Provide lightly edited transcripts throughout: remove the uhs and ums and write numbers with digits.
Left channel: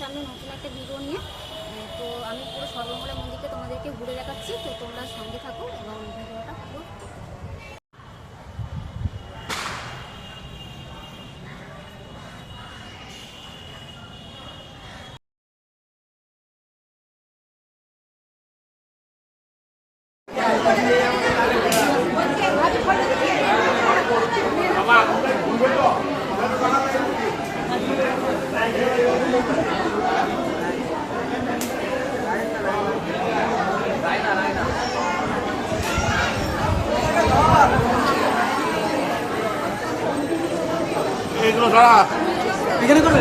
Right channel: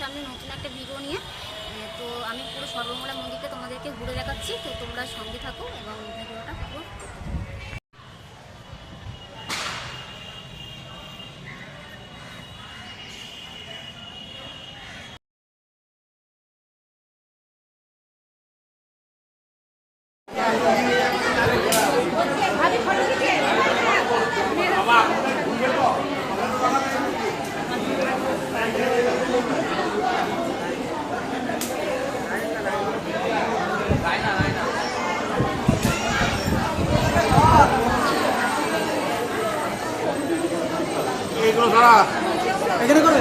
সামনে নতুন একটা ভিডিও নিয়ে। তো আমি পুরো সর্বমঙ্গলা মন্দিরটা তোমাদেরকে ঘুরে দেখাচ্ছি, তো তোমরা সঙ্গে থাকো এবং ভিডিওটা পুরো এখানে করে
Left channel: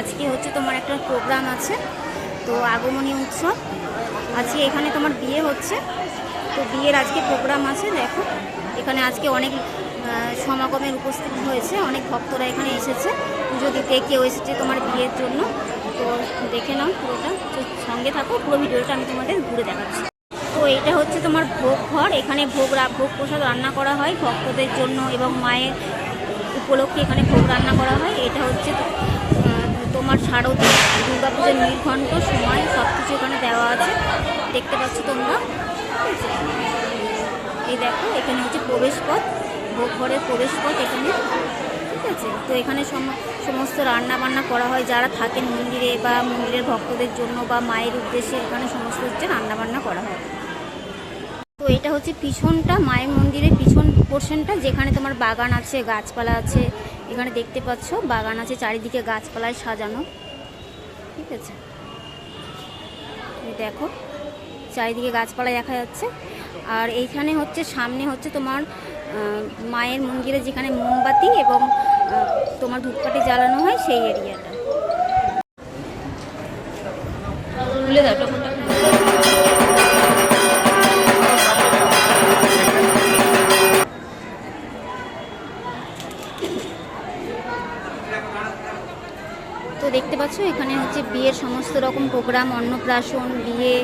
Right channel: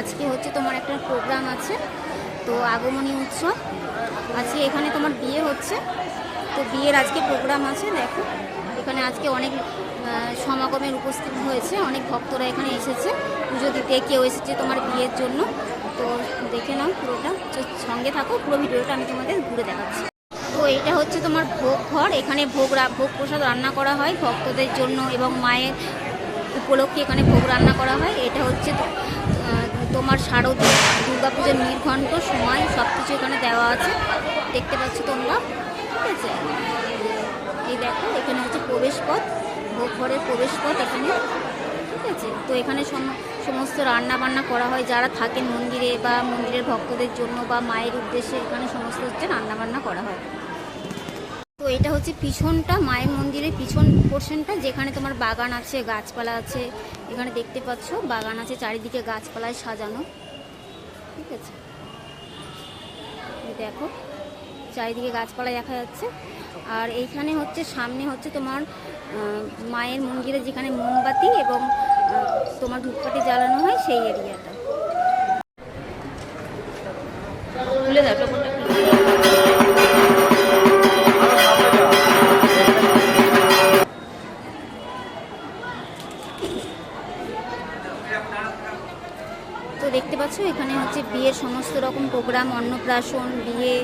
আজকে হচ্ছে তোমার একটা প্রোগ্রাম আছে, তো আগমনী উৎসব আজকে এখানে তোমার বিয়ে হচ্ছে, তো বিয়ের আজকে প্রোগ্রাম আছে। দেখো এখানে আজকে অনেক সমাগমের উপস্থিত হয়েছে, অনেক ভক্তরা এখানে এসেছে পুজো দিতে, কেউ এসেছে তোমার বিয়ের জন্য। তো দেখে নাও পুরোটা, তো সঙ্গে থাকো, পুরো ভিডিওটা আমি তোমাদের ঘুরে দেখাচ্ছি। তো এটা হচ্ছে তোমার ভোগ ঘর, এখানে ভোগ প্রসাদ রান্না করা হয় ভক্তদের জন্য এবং মায়ের উপলক্ষে এখানে ভোগ রান্না করা হয়। এটা হচ্ছে তোমার শারদীয় দুর্গাপূজার নীলঘণ্ট সময় সব কিছু এখানে দেওয়া আছে, দেখতে পাচ্ছ তোমরা, ঠিক আছে। এই দেখো এখানে হচ্ছে প্রবেশ পথ, ভোগ ঘরের প্রবেশ পথ এখানে, ঠিক আছে। তো এখানে সমস্ত রান্না বান্না করা হয়, যারা থাকেন মন্দিরে বা মন্দিরের ভক্তদের জন্য বা মায়ের উদ্দেশ্যে এখানে সমস্ত হচ্ছে রান্না বান্না করা হয়। তো এটা হচ্ছে পিছনটা, মায়ের মন্দিরের পিছন পোর্শনটা, যেখানে তোমার বাগান আছে, গাছপালা আছে, এখানে দেখতে পাচ্ছ বাগান আছে, চারিদিকে গাছপালায় সাজানো, ঠিক আছে। এই দেখো চারিদিকে গাছপালা দেখা যাচ্ছে। আর এইখানে হচ্ছে সামনে হচ্ছে তোমার মায়ের মন্দিরে যেখানে মোমবাতি এবং তোমার ধূপকাঠি জ্বালানো হয় সেই এরিয়াটা। খুলে দাও টোপরটা, তো দেখতে পাচ্ছ এখানে হচ্ছে বিয়ের সমস্ত রকম প্রোগ্রাম, অন্নপ্রাশন, বিয়ে,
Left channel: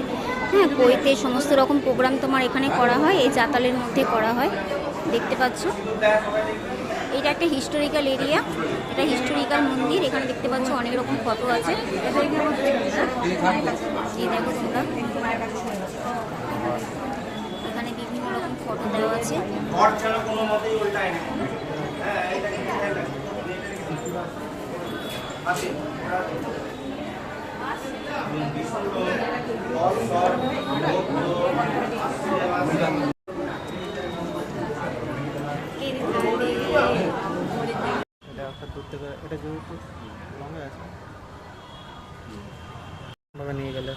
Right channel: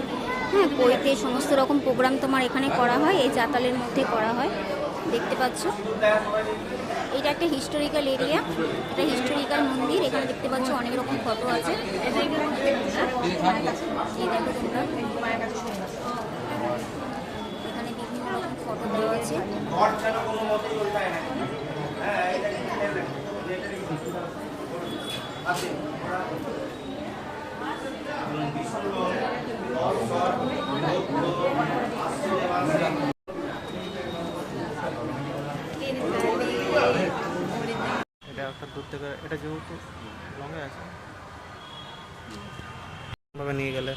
হ্যাঁ পৈতে সমস্ত রকম প্রোগ্রাম তোমার এখানে করা হয়, এই চাতালের মধ্যে করা হয়, দেখতে পাচ্ছ। এটা একটা হিস্টোরিক্যাল এরিয়া, এটা হিস্টোরিক্যাল মন্দির, এখানে দেখতে পাচ্ছ অনেক রকম ফটো আছে, এই দেখো তোমরা এখানে বিভিন্ন রকম ফটো দেওয়া আছে। এটা যেহেতু লঙ্গে আছে ভাবে নিয়ে গেলে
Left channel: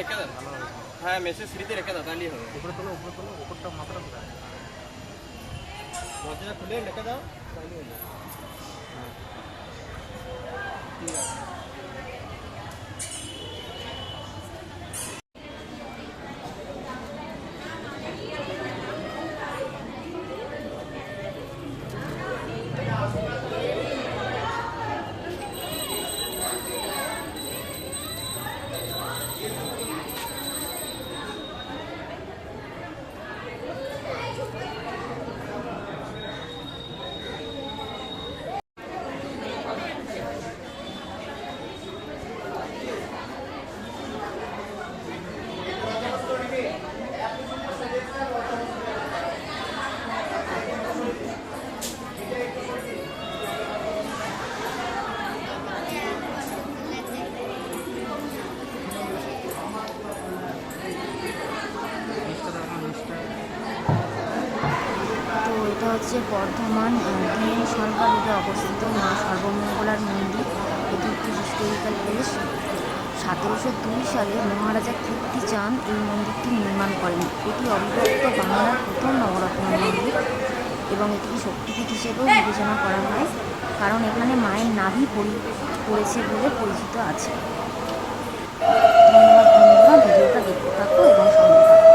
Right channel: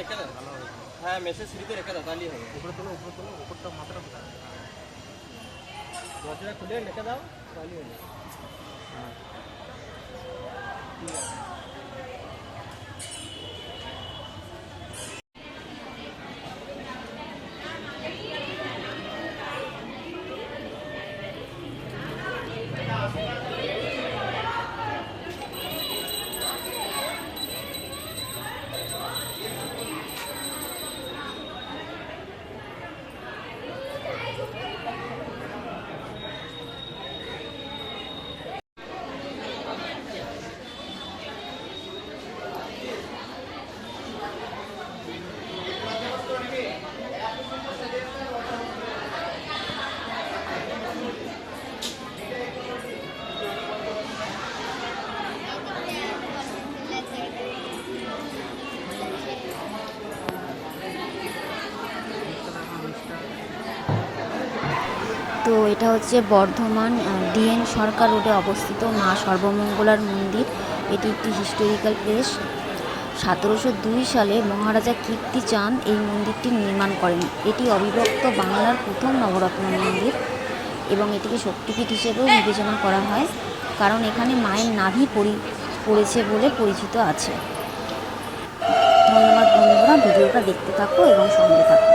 রেখে দাও। ভালো হবে। হ্যাঁ মেসের সিঁড়িতে রেখে দাও, তাহলেই হবে। উপরে তোলো, উপরটা মাথাটা কোথায়? দরজাটা খুলে রেখে দাও, তাহলেই হবে। ঠিক আছে। তো এটা হচ্ছে বর্ধমান ডিএন সরকার রোডে অবস্থিত মা সর্বমঙ্গলার মন্দির। এটি একটি হিস্টোরিক্যাল প্লেস। 1702 সালে মহারাজা কীর্তিচাঁদ এই মন্দিরটি নির্মাণ করেন। এটি অবিভক্ত বাংলার প্রথম নবরত্ন মন্দির এবং এটিকে শক্তিপীঠ হিসেবেও বিবেচনা করা হয়, কারণ এখানে মায়ের নাভি পড়েছে বলে পরিচিত আছে। ধন্যবাদ বন্ধুরা, ভিডিওটা দেখতে থাকো এবং সঙ্গে থাকো।